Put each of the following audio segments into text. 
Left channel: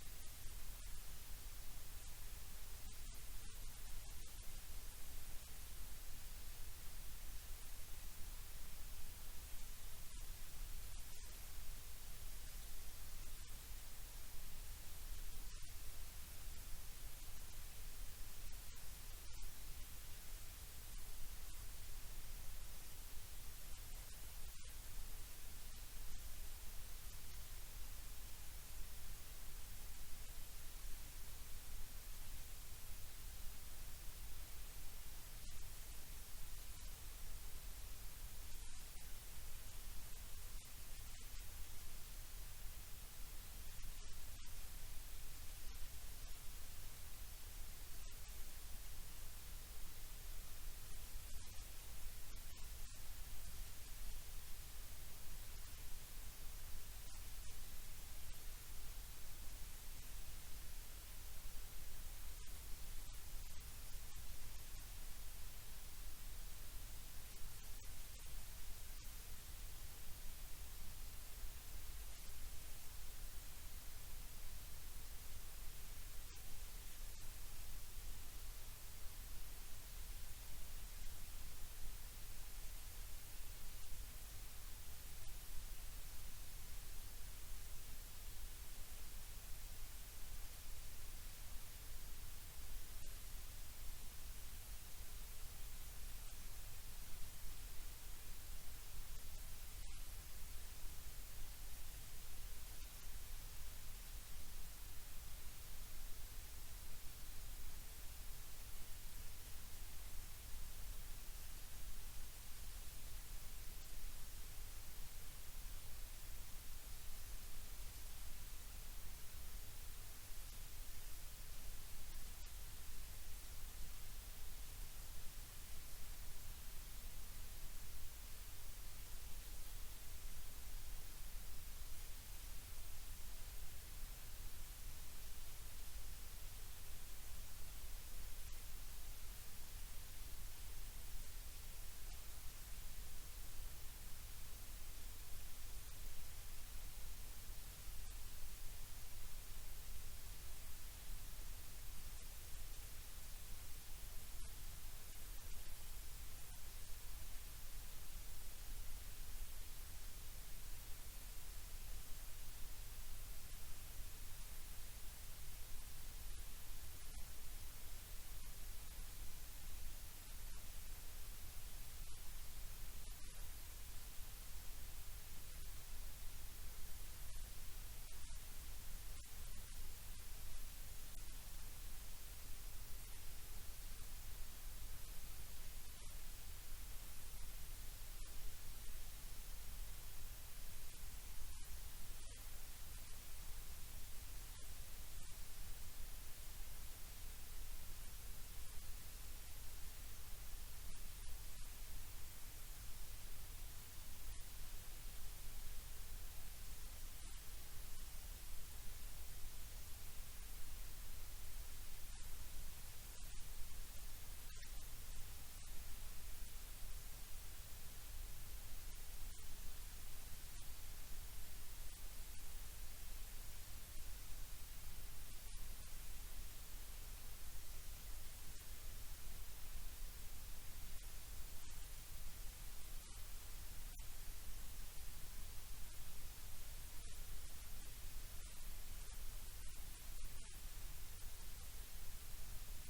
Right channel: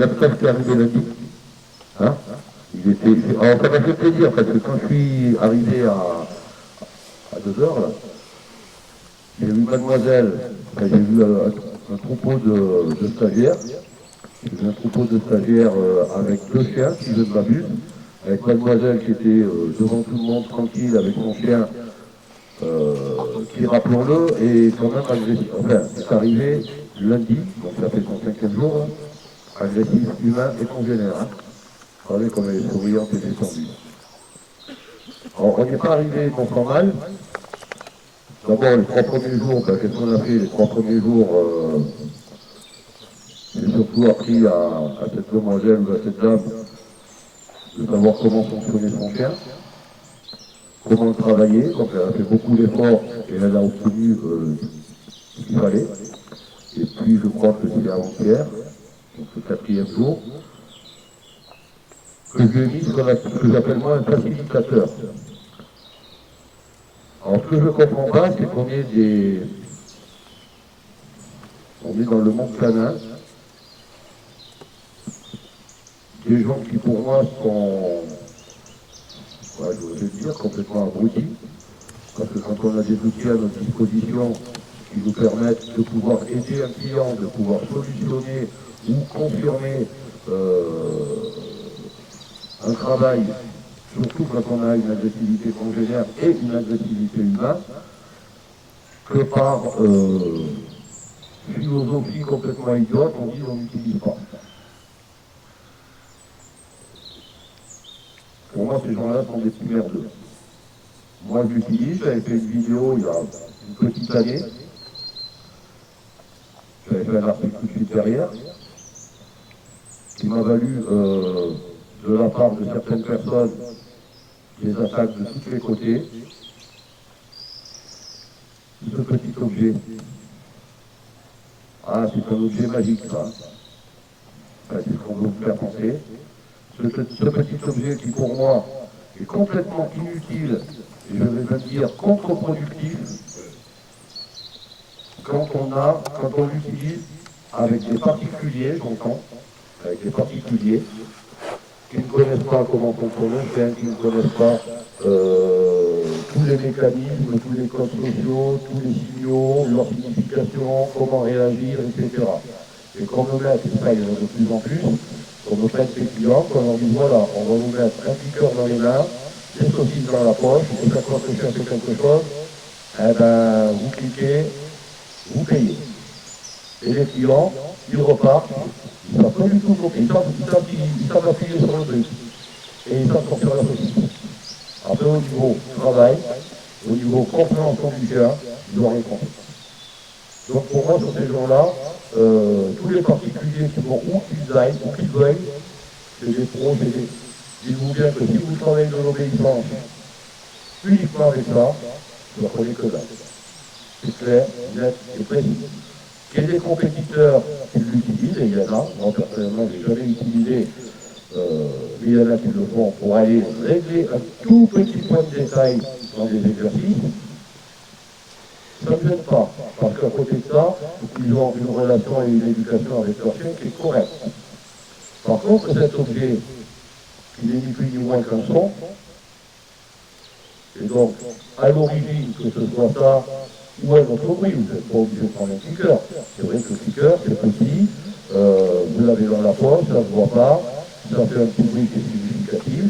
l'absence qui est arrivé lundi. Hein, alors ça m'a fait plaisir parce que quand je suis arrivé à 2 heures, là, j'ai vu mademoiselle, j'ai vu un troupeau de stagiaires. J'ai vu un troupeau de stagiaires avec 2 chiens, si je ne m'abuse, avec mademoiselle qui était devant tout le monde tranquille avec son chien, qui, rappelons-le, est quand même agressif. Enfin, c'est arrivé lundi, donc ça fait son 5e jour, hein, agressif, humain et congénère. Hein. Vous savez comme elle est souriante et détendue. Alors, on n'est pas arrivé non sans mal. D'abord, les 3 premiers jours, ben, qu'est-ce qu'on a fait les 3 premiers jours j'ai surtout appris à cette demoiselle ou à cette dame de savoir comment fonctionnait son chien, comment le travailler. Donc elle a fait beaucoup d'efforts et elle a obtenu ce qu'il fallait. Et puis je crois que c'est avant-hier, donc le 4e jour, que je lui ai mis ce que j'appelle moi un facilitateur. Alors ce que je ne comprends pas, c'est qu'on est dans le monde canin, des gens qui pour moi sont, je vais dire, complètement abrutis, parce que quand on a des outils à notre disposition qui nous permettent de pouvoir aider un client, de pouvoir solutionner ou confirmer un travail, surtout quand on a une agressivité congénère et une agressivité humaine, que par philosophie complètement idiote, on dit on n'utilise pas. Pour moi, ces gens-là sont des petits merdeux. Moi, je l'utilise, j'avais fait une vidéo il y a une petite année. J'avais fait un article tout de suite derrière, qui m'a valu, de la part de certaines personnes, des attaques de tous les côtés. Ce petit objet. Ah, c'est un objet magique, ça. Enfin, c'est ce qu'on veut vous faire penser. Ce petit objet qui, pour moi, est complètement inutile, et je vais même dire contre-productif, quand on l'utilise avec des particuliers, j'entends, avec des particuliers, qui ne connaissent pas comment fonctionne un chien, qui ne connaissent pas tous les mécanismes, tous les codes sociaux, tous les signaux, leur signification, comment réagir, etc. Et qu'on me mette, et ça il y en a de plus en plus, qu'on me prenne ses clients, qu'on leur dise voilà, on va vous mettre un piqueur dans les mains, des saucisses dans la poche, et chaque fois que je cherche quelque chose, eh ben, vous cliquez, vous payez. Et les clients, ils repartent, ils ne savent pas du tout comment, ils savent appuyer sur le truc. Et ils savent sortir la saucisse. Après, au niveau travail, au niveau compréhension du chien, ils n'ont rien compris. Donc pour moi, sur ces gens-là, tous les particuliers qui vont où qu'ils aillent, où qu'ils veuillent, c'est des pros, dites-vous bien que si vous travaillez de l'obéissance uniquement avec ça, vous ne prenez que dalle. C'est clair, net et précis. Qu'il y ait des compétiteurs qui l'utilisent, et il y en a, moi personnellement je n'ai jamais utilisé, mais il y en a qui le font pour aller régler un tout petit point de détail dans des exercices, ça ne me gêne pas, parce qu'à côté de ça, ils ont une relation et une éducation avec leur chien qui est correcte. Par contre, cet objet, il n'est ni plus ni moins qu'un son, et donc, à l'origine, que ce soit ça, ou un autre bruit, vous n'êtes pas obligé de prendre un cliqueur. C'est vrai que le cliqueur, c'est petit, vous l'avez dans la poche, ça ne se voit pas, ça fait un petit bruit qui est significatif.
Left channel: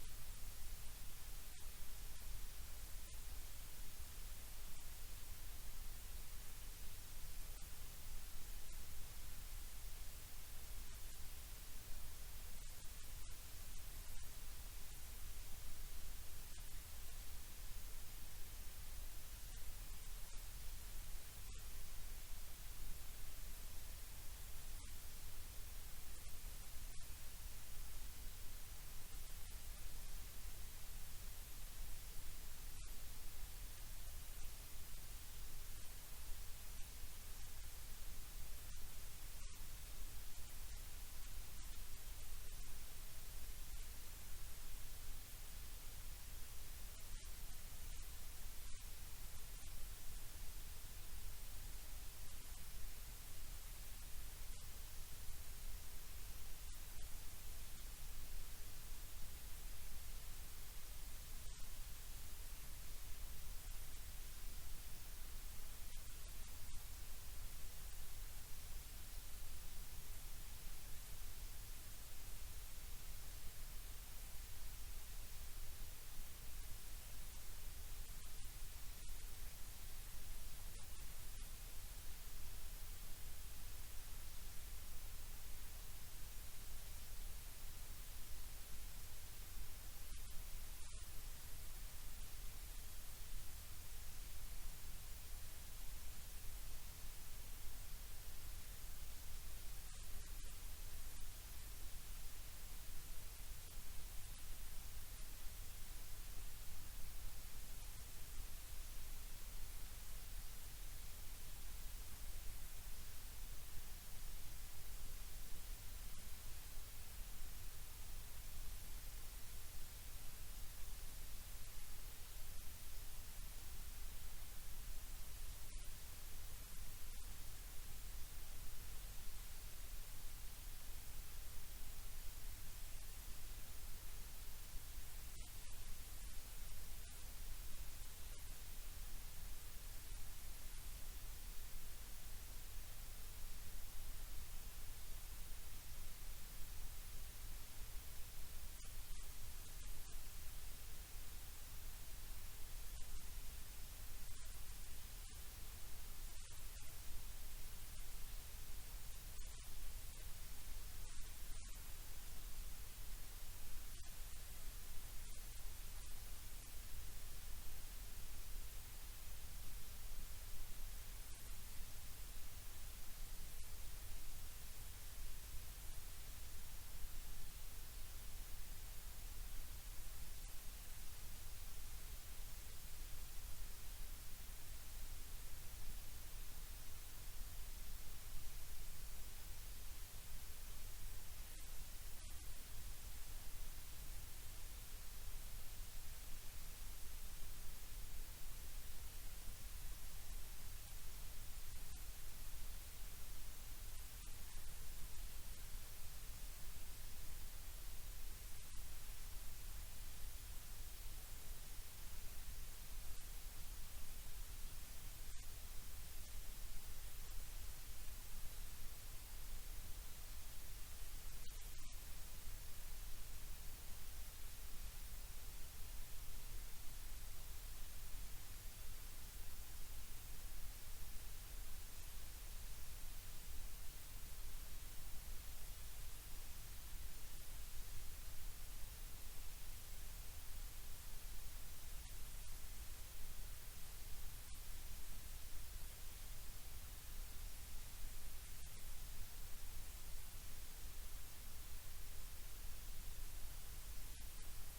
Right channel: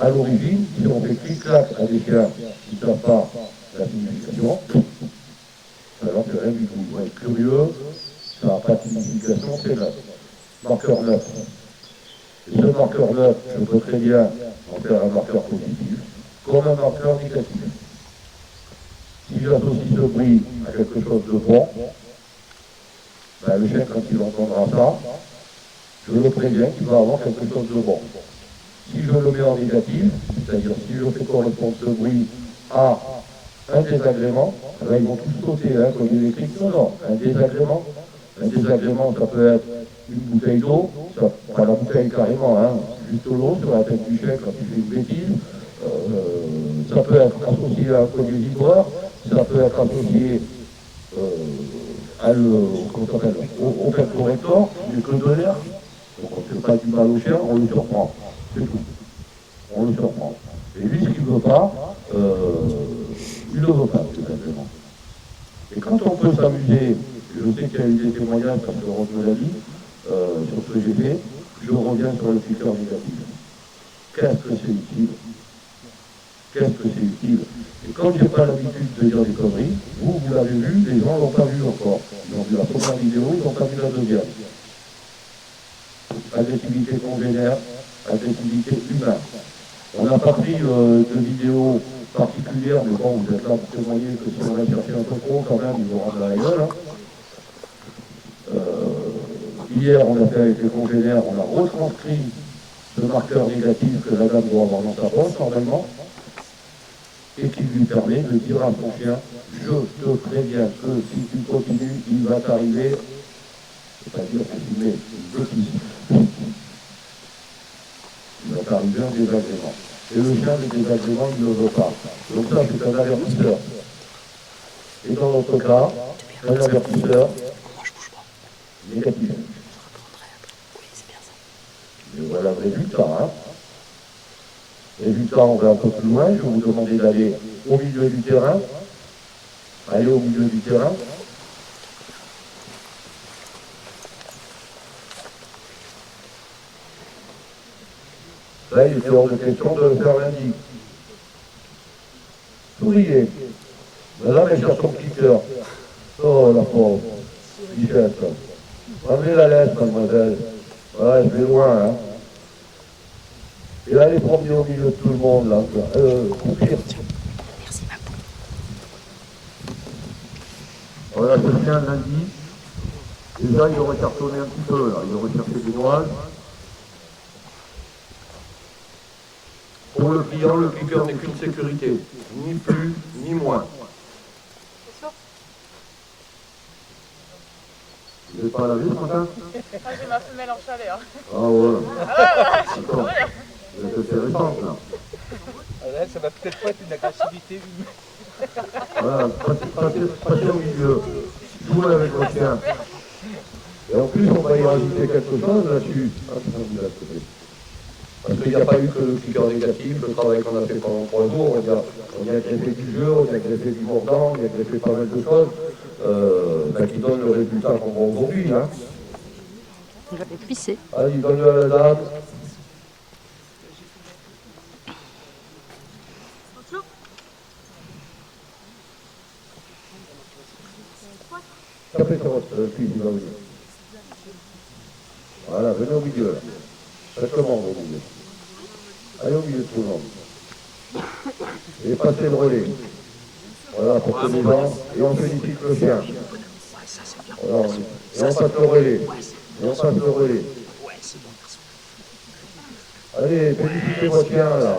À l'origine, si on fait clic-clac à des chiens qui ne savent pas la signification, alors que rien du tout. Vous êtes curieux, ça n'a pas de signification, c'est neuf. Marqueur neuf. Et ce marqueur neuf, je peux très bien en faire un marqueur positif, comme un marqueur négatif. Si j'associe ce bruit à quelque chose de bon, ben le chien, quand il entendra ça, je le préviens qu'il va avoir quelque chose de bon. Si je le mets en négatif, c'est-à-dire si je fais correspondre ce bruit à un désagrément, là ils vont tous sauter, hein, comme électrique. Non, un désagrément. Un désagrément, ça peut être une bouteille d'eau, pas la bouteille carrément, hein, juste l'eau sur la tête du chien quand il fait une bêtise. Ça peut être associé à un collier vibreur, ça peut être associé au fait corrector, du que de l'air. pas du mal au chien, on le surprend. C'est tout. On le surprend. Et lui, ce qu'il ne veut pas, il ne veut pas, tout simplement. Et quand on peut s'amuser, je sais qu'il y a eu des témoignages, parce que Rose me l'a dit, sur ce que j'ai fait, je reviens sur le critère négatif. Qu'est-ce que c'est utile? Qu'est-ce que c'est utile? Et quand j'ai pas l'habitude de dire des conneries, vous l'avez vu, les gens ne l'ont pas vu encore. Ils ont vu la première vidéo, ils n'ont pas vu la deuxième. Agressivité congénère, agressivité humaine. On n'a pas pris de vidéo particulière, mais bon, vous êtes là pour témoigner que si on va chercher un peu trop, quand même, ils vont rendre la gueule. Hein. Hier, on a fait avec les congénères, on a retranscrit ce marqueur négatif que la dame doit avoir dans sa poche, normalement, et qui lui permet de dire à son chien, je te préviens que si tu continues, il va t'arriver, c'est-à-dire que tu mets une bêtise. Il va t'arriver un désagrément. Et le chien, le désagrément, il ne le veut pas. Donc ça, c'est un avertisseur. Et dans notre cas, un avertisseur négatif. Et voilà le résultat. Hein. Résultat, on va un peu plus loin. Je vais vous demander d'aller au milieu du terrain. Allez au milieu du terrain. Là, il était hors de question de faire lundi. Souriez. Madame, elle cherche son petit cœur. Oh, la pauvre. Bichette. Enlevez la lettre, mademoiselle. Ouais, je vais loin, hein. Et là, les promener au milieu de tout le monde, là. Merci, Papou. Voilà, ce chien, lundi. Déjà, il aurait cartonné un petit peu, là. Il aurait cherché des noises. Pour le client, le cliqueur n'est qu'une sécurité. Ni plus, ni moins. Vous n'êtes pas lavé ce matin? Ah, j'ai ma femelle en chalet. Hein. Ah ouais. Ah ouais, D'accord. Vous êtes assez récente là. Ah là, ça va peut-être pas être une agressivité. Voilà, passez au milieu. Jouez avec votre chien. Et en plus, on va y rajouter quelque chose là-dessus. Parce qu'il n'y a pas eu que le cliqueur négatif, le travail qu'on a fait pendant 3 jours, on y a greffé du jeu, on y a greffé du mordant, on y a greffé pas mal de choses qui donnent le résultat qu'on voit aujourd'hui. Hein. Il va les pisser. Allez, donne-le à la dame. Tapez sur votre fils, il va venir. Voilà, venez au milieu là. Faites le monde au milieu. Allez au milieu de tout le monde. Et passez le relais. Voilà, pour que les gens, et on félicite le chien. Voilà, et on passe le relais. Et on passe le relais. Allez, félicitez votre chien là.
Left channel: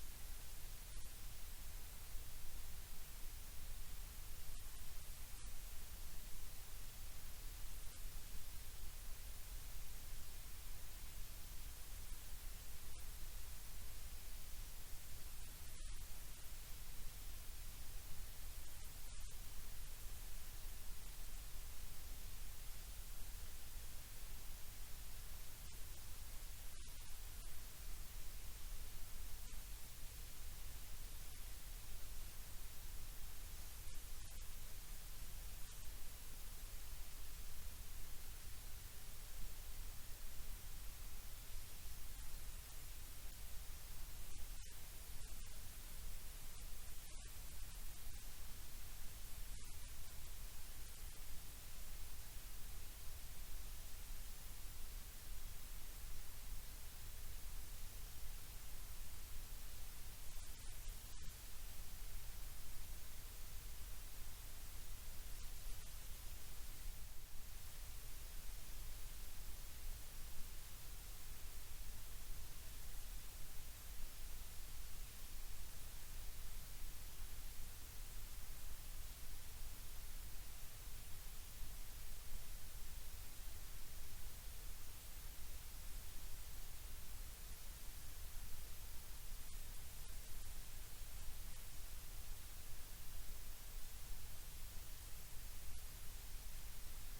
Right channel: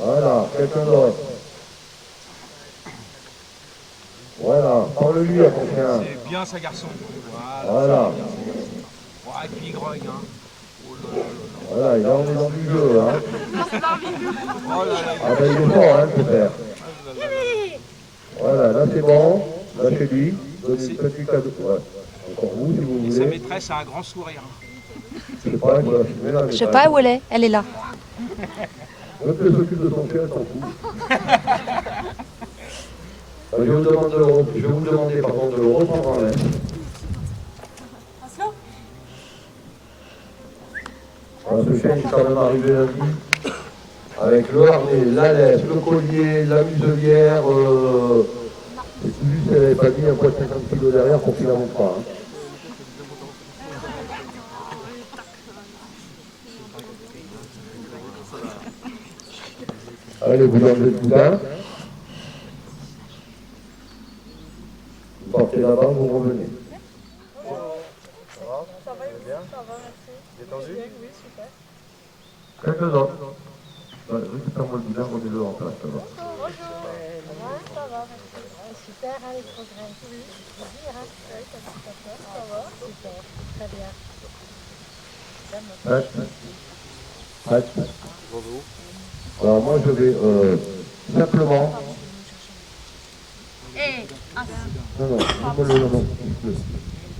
Voilà, quelqu'un d'autre. Voilà, parle-lui à ton chien. C'est bien ça, garçon. Voilà. Ouais, et puis il grogne, hein. Oh là là là. Voilà, et là on est dans du jeu, hein. Oh là là. Ah ben il est fort, hein, ce père. Voilà, là c'est bon. Lâchez-lui. Donnez une petite cadeau. Ouais. Encore vous, si vous Et sa voulez. maîtresse a un grand sourire. Je sais pas, voilà, je mets là, Je sais pas où elle est. Elle est là. Même qu'elle s'occupe de son chien, elle s'en fout. Je vais vous demander par contre de le reprendre en main. Voilà, ce chien est quand même arrivé lundi avec le harnais, la laisse, le collier, la muselière. Et tout juste, elle n'avait pas mis un poids de 50 kg derrière pour qu'il n'avance pas. Hein. Allez, vous enlevez le boudin. Vous partez là-bas, vous revenez. Ça va, bien. Ça va, merci. Détendu? Oui, super. Quelques autres. Récupère-moi le boudin, remets-le en place. Ça va. Bonjour. Ça va, merci. Super, hein, les progrès. Oui. Dire, hein. Oui, ça va. Super, très bien. Prête. Alors moi je vais simplement... Non, non, non.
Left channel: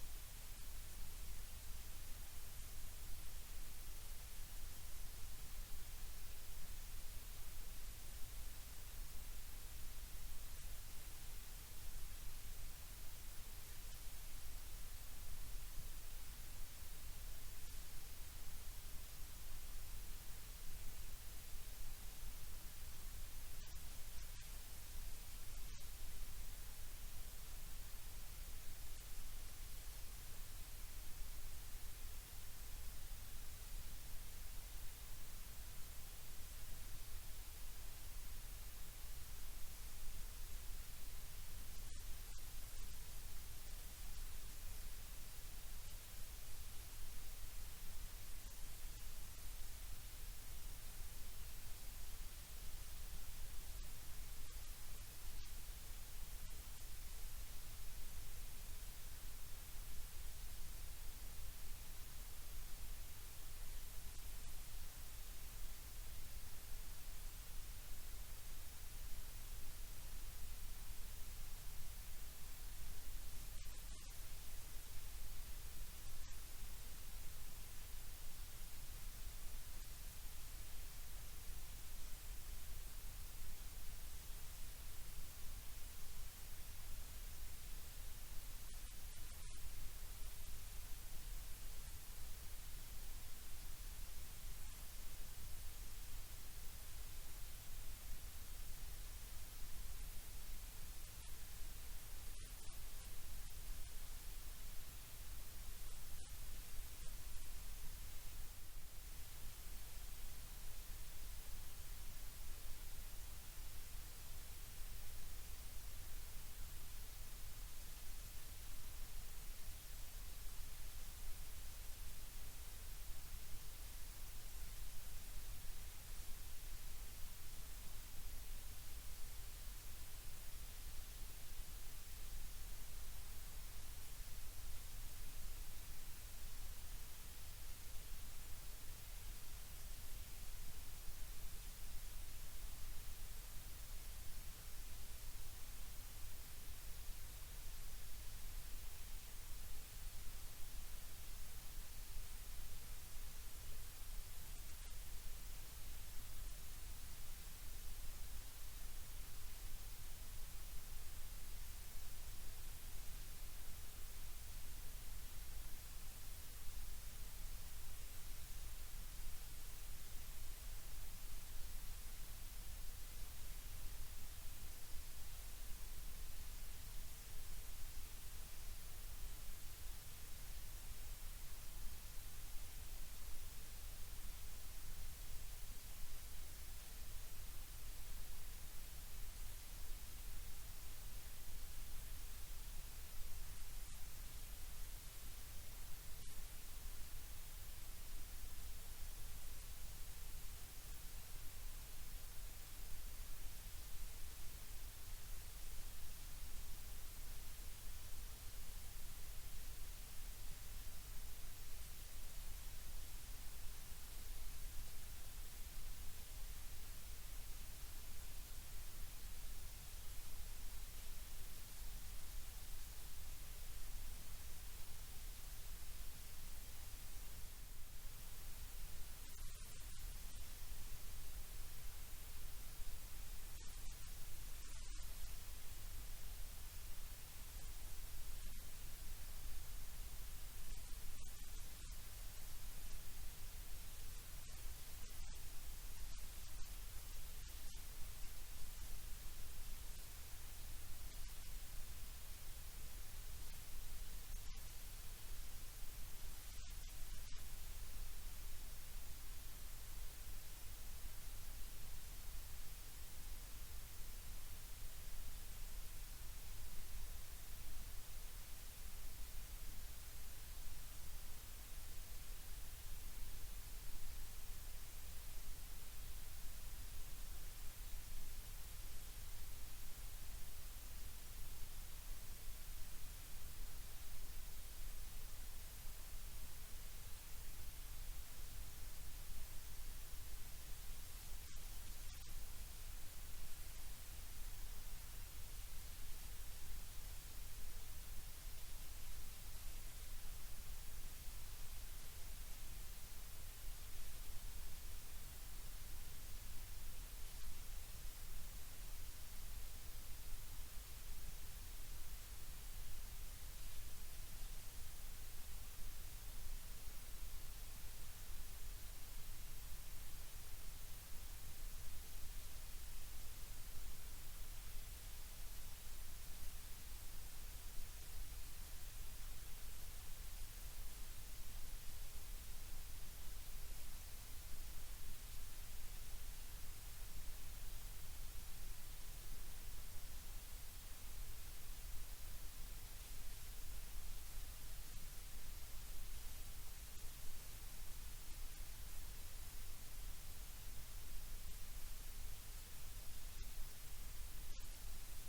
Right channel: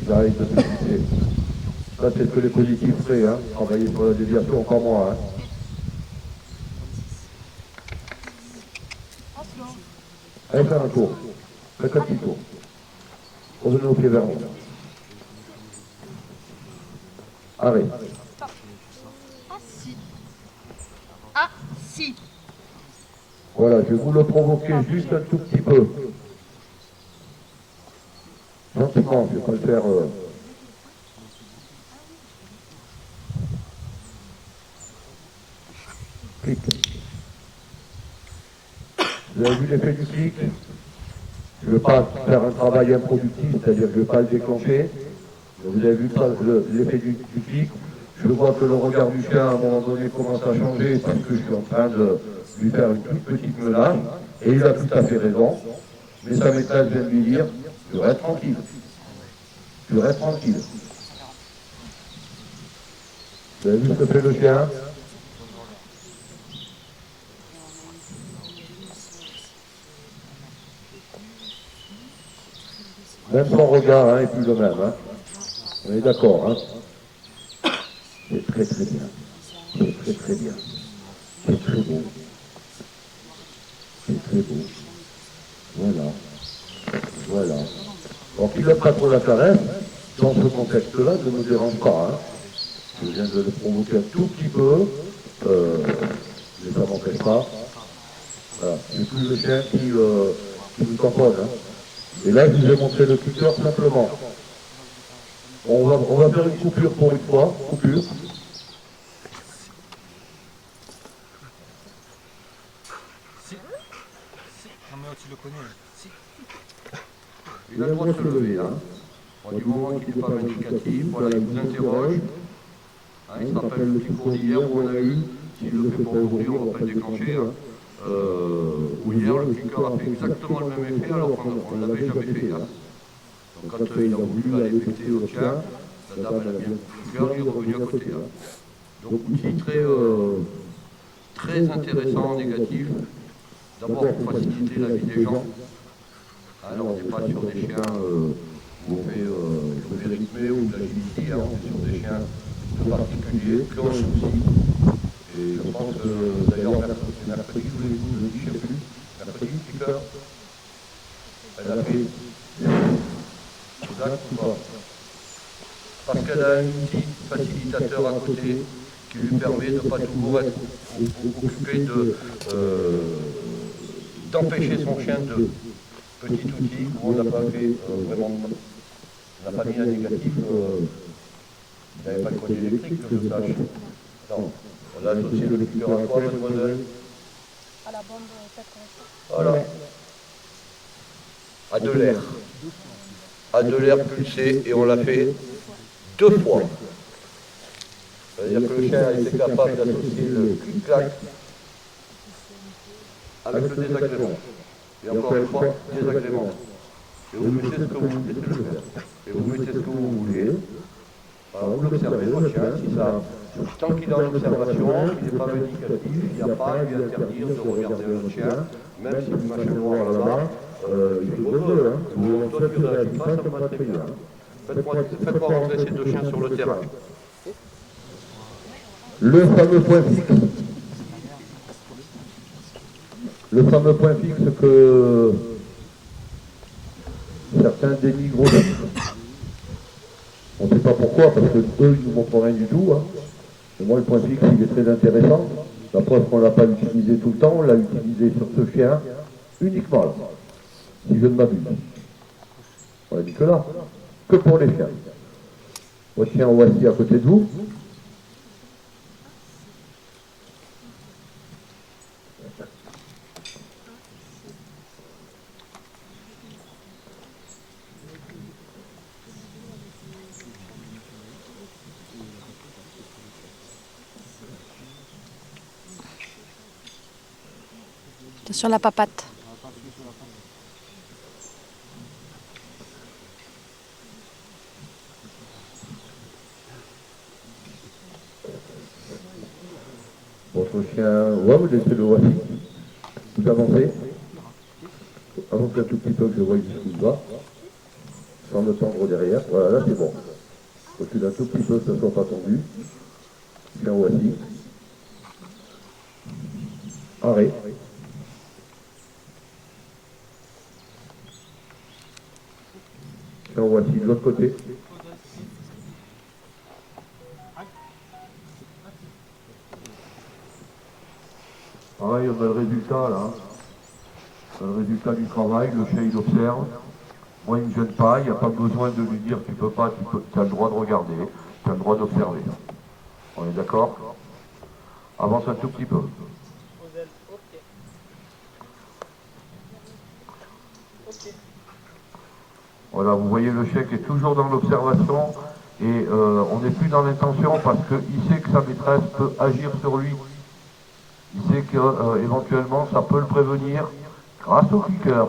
J'arrive de me fixer. Ça, c'est ce que les positifs feraient, hein. Travailler sur la déviation, pas moi. Hein. Allez faire un tour. Faites un petit tour. Revenez au pied vers nous. Arrête. Si. Voilà, je vais vous le provoquer juste un tout petit peu. Gentiment, je ne vais pas le faire. Clic. Vous avez vu l'effet du clic? Je ne veux pas faire un travail improductif, c'est-à-dire que je ne vais pas le déclencher. Vous avez vu l'effet du clic? Je vois que le regard du chien, à un moment donné, commence à changer parce que je suis en train de lui faire une toute petite menace. Et il a tout à fait raison. Mais sa maîtresse vient de lui dire, je reste tranquille. Je reste tranquille. Vous avez vu ce que fait le chien? Même son regard hein, est plus le même. Hein. On est d'accord. Hein. C'est très très bien. C'est très très bien. C'est très beau. C'est très beau. Voilà. Voilà. Alors qu'il n'a pas trop la caresse, dans ce contexte-là, ne me dérange pas. Hein. Je viens de le provoquer un tout petit peu, mais ça ne m'empêche pas. Voilà. C'est plus le chien qui nous tamponne. Hein. Et là, je vous ai montré le curseur simplement. On va faire une coupure pour une fois. Coupure. Si. Non mais tu le connais. Si. Il a le droit de se lever, hein. Du moment qu'il n'est pas vindicatif, voilà, il vous interroge. Hein, il se rappelle le discours d'hier où on a eu, s'il ne le fait pas aujourd'hui, on ne va pas le déclencher. Hein. Où hier, le cliqueur a fait exactement le même effet alors qu'on ne l'avait jamais fait. Hein. Donc quand il a voulu aller fêter au chien, la dame elle a bien le cliqueur, il est revenu à côté. Hein. Donc outil très intéressant en négatif. D'abord pour faciliter la vie des gens. Alors on n'est pas sur des chiens où on fait de rythmé ou de l'agilité, hein. On est sur des chiens très particuliers, qui ont un souci. Et je pense que d'ailleurs mercredi, je vous dis, je ne sais plus, mercredi, cliqueur, elle a fait exact ou pas. Parce qu'elle a un outil facilitateur à côté qui lui permet de ne pas toujours être occupé d'empêcher son chien de petit outil où on n'a pas fait vraiment, on n'a pas mis un négatif, il n'avait pas le collier électrique que je sache. Non, on a associé le cliqueur à quoi, mademoiselle? À la bande 4. Voilà. À de l'air. À de l'air pulsé et on l'a fait 2 fois. C'est-à-dire que le chien a été capable d'associer le clic-clac avec le désagrément. Et encore une fois, désagrément. Et vous mettez ce que vous voulez, laissez le faire. Et vous mettez ce que vous voulez. Alors vous l'observez, votre chien, si ça, tant qu'il est en observation, qu'il n'est pas vindicatif, il n'y a pas à lui interdire de regarder le chien, même si le machin noir là-bas, il fait beau jeu, hein. Toi tu réagis pas, ça me va très bien. Faites-moi rentrer ces 2 chiens sur le terrain. Le fameux point fixe. Le fameux point fixe que certains dénigrent aussi. On ne sait pas pourquoi, parce que eux, ils ne nous montrent rien du tout. Hein. Et moi, le point fixe, il est très intéressant. La preuve qu'on ne l'a pas utilisé tout le temps, on l'a utilisé sur ce chien uniquement là. Si je ne m'abuse. On a dit que là, que pour les chiens. Votre chien, voici à côté de vous. Sur la papate. Votre chien, ouais, vous laissez le voici. Vous avancez. Avancez un tout petit peu que je vois jusqu'où il va. Sans le tendre derrière. Voilà, là c'est bon. Recule un tout petit peu, que ça ne soit pas tendu. Chien voici. Arrêt. Chien voici de l'autre côté. Pareil, on a le résultat là. On a le résultat du travail, le chien il observe. Moi il ne me gêne pas, il n'y a pas besoin de lui dire tu peux pas, tu as le droit de regarder, tu as le droit d'observer. On est d'accord? Avance un tout petit peu. Voilà, vous voyez le chien qui est toujours dans l'observation et on n'est plus dans l'intention parce qu'il sait que sa maîtresse peut agir sur lui. Il sait qu'éventuellement ça peut le prévenir grâce au cliqueur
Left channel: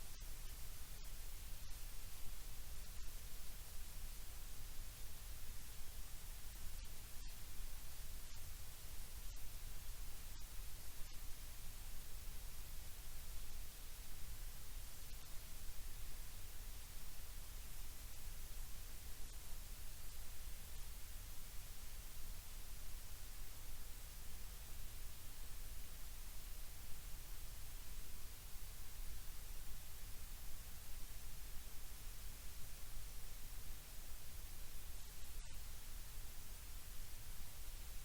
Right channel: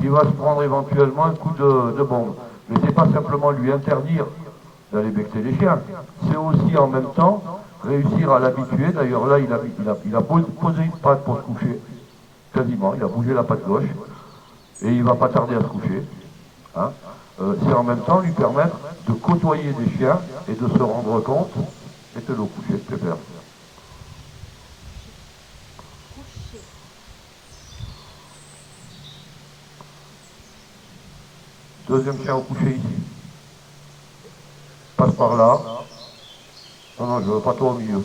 qui va se prendre éventuellement un coup de bombe. Mais c'est pas simplement lui interdire d'aller becter les chiens, c'est aussi en même temps réussir à l'habituer. D'ailleurs là il a posé une patte pour se coucher, quasiment, il a bougé la patte gauche et il va pas tarder à se coucher. Hein. C'est en même temps lui permettre de côtoyer des chiens et de se rendre compte, et te le coucher, je préfère. Deuxième chien au coucher ici. Passe par là. Non, non, je veux pas toi au milieu.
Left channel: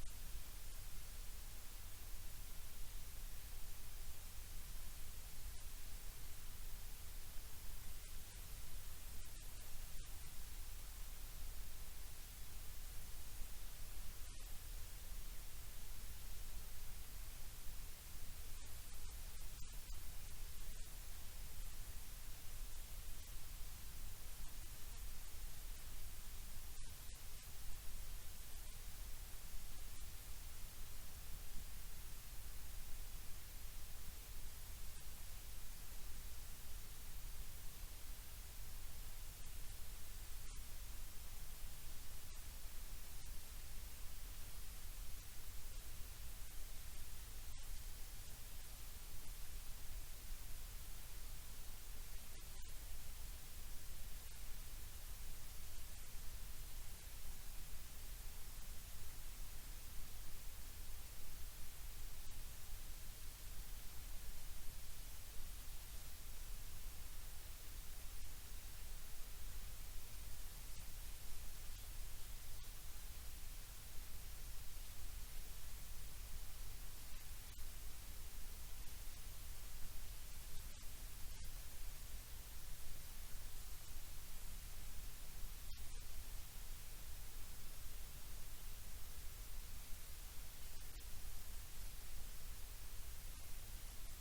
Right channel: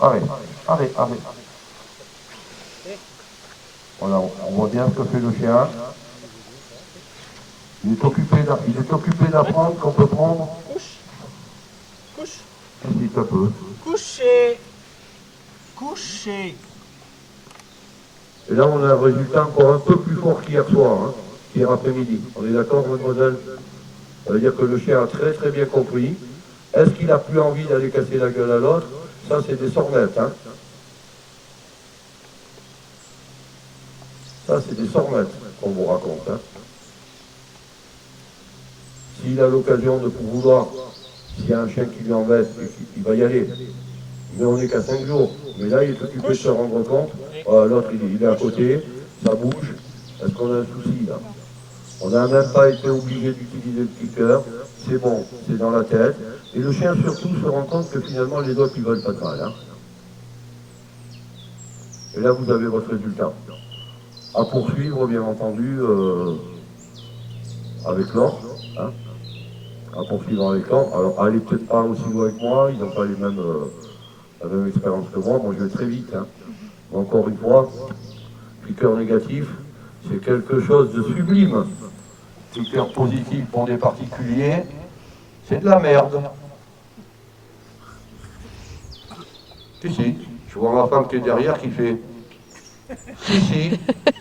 Arrête, arrête, arrête. Voilà, on voit bien ce que fait le chien. Il est occupé d'apprendre qu'on peut prendre. Couche. Un petit peu. Coucher. Coucher. Et là, on a un résultat encore un peu plus fort qu'hier soir, hein, qu'hier après-midi. On est d'accord, mademoiselle? Ça veut dire que le chien a très très bien compris. Est-ce qu'il n'a plus envie d'aller casser la gueule à l'autre? Ça, c'est des sornettes. Hein. Ça, c'est des sornettes qu'on vous raconte. Hein. S'il a l'occasion de vouloir, s'il y a un chien qui lui embête, il va y aller. Mais on n'est qu'à 5 jours. Mais là, il est occupé de se rendre compte. L'autre, il est à côté, ça bouge. Est-ce qu'on a un souci là? On n'a même pas été obligé d'utiliser le cliqueur. C'est bon, c'est dans la tête. Et le chien surtout se rend compte que finalement les autres, ils veulent pas de mal. Hein. Et là, vous avez votre résultat. À poursuivre, bien entendu, avec l'ordre. Hein. À poursuivre avec l'ordre. Alors, allez peut-être pas aussi loin que moi, ils n'ont pas la même expérience que moi. Moi, je vais très vite. Hein. Encore une fois, cliqueur négatif, c'est quelque chose de sublime. Cliqueur positif pour des particuliers, c'est de la merde. Si, je vois ma femme qui est derrière qui fait si,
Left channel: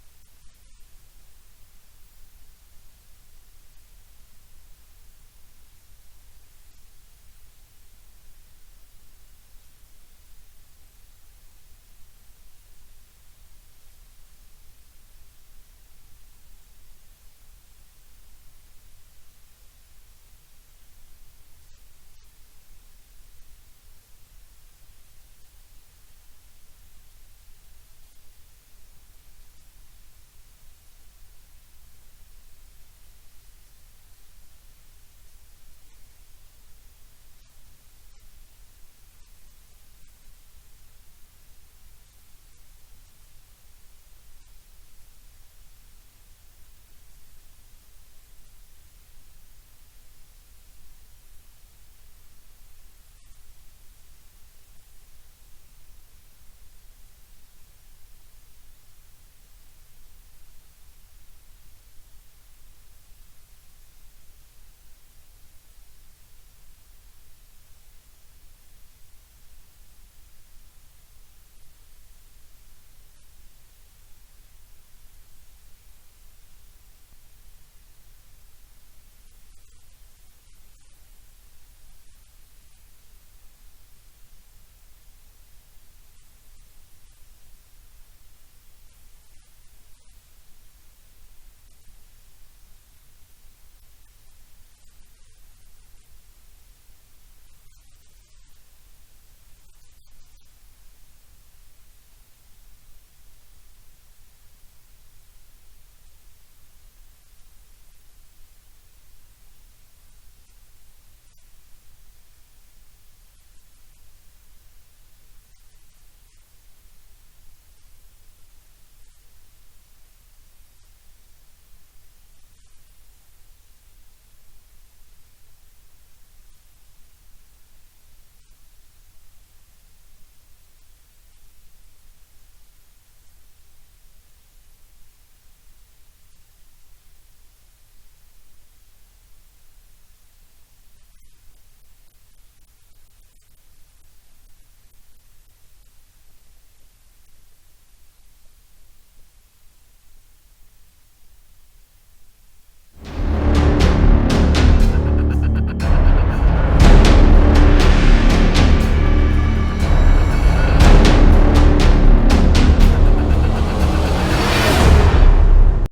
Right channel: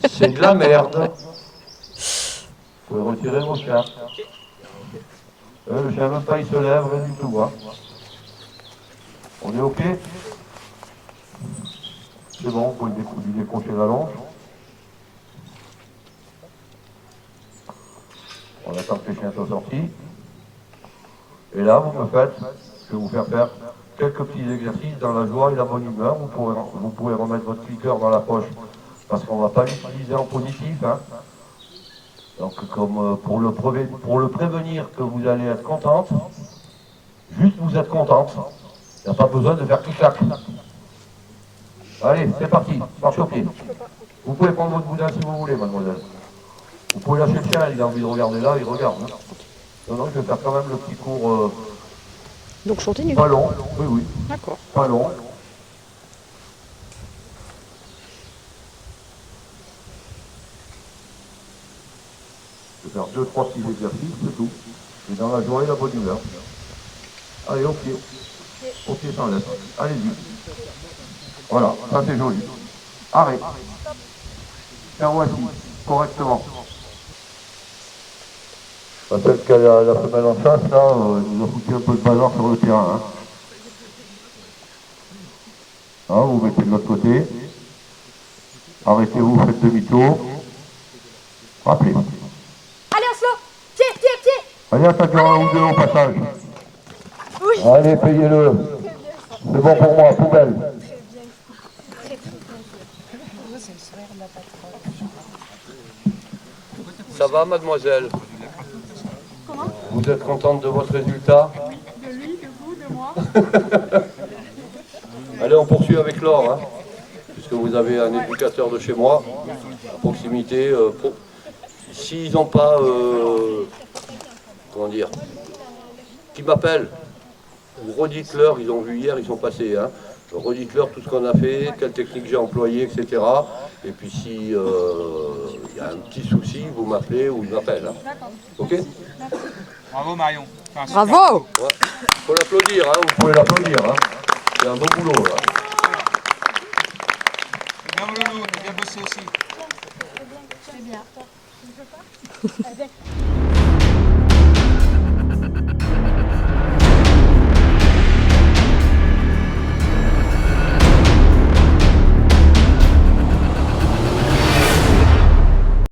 c'est de la merde. Vous pouvez retirer mon chien. Le chien même pas, il se lève, rien du tout. Hein. On est OK? C'est bon, vous pouvez lui décrocher la longe. On attend que les chiens soient sortis. Et là, vous me faites, je vais vous faire faire quelques petits exercices dans la joie et la bonne humeur. Vous pouvez remettre votre cliqueur dans la poche parce qu'on ne va pas l'utiliser en positif. Hein. Donc, comme pour le prévenir que vous allez être contente, juste vous êtes contente. Il n'y a pas besoin de faire clic-clac. Allez, c'est parti, marche au pied. Vous pouvez prendre votre boudin si vous voulez, mademoiselle. Vous pouvez lâcher le chien, il a envie de regarder là, il regarde. Hein. Non, je vais faire quand même le petit cours. Donc je continue. Pas long, oui. D'accord. Pas long. Je vais faire 2-3 petits exercices, c'est tout. Et dans la joie et la bonne humeur. Allez, au pied. Au pied sans lettre. Allez-y. Voilà, ça c'est joli. Arrête. Tiens, voici, correctement. Peut-être qu'à la femelle en face, là, il nous a foutu un peu de bazar sur le terrain. Hein. Ah, vous mettez de l'autre côté. Arrêtez-vous, faites demi-tour. Rappelez. Allez, Oslo! Pied! Allez, attaquez un ou deux au passage. Oui. Allez, payez-le. C'est bon pour moi, poubelle. Ça va, mademoiselle? Vous êtes contente de votre résultat? De lui, de vous, de moi. Allez, on poursuit avec Laure, hein, puisque vous avez un éducateur de chez moi, à proximité. S'ils n'ont pas, comment dire, qui m'appellent, redites-leur, ils ont vu hier, ils sont passés, hein. Redites-leur tout ce qu'on a fait, quelle technique j'ai employée, etc. Et puis si y a un petit souci, vous m'appelez ou ils m'appellent. Hein. Ok? Bravo Marion. Bravo! Ouais. Faut l'applaudir, hein. Vous pouvez l'applaudir. Hein. C'est un bon boulot là. Bien Loulou, t'as bien bossé aussi. C'est bien.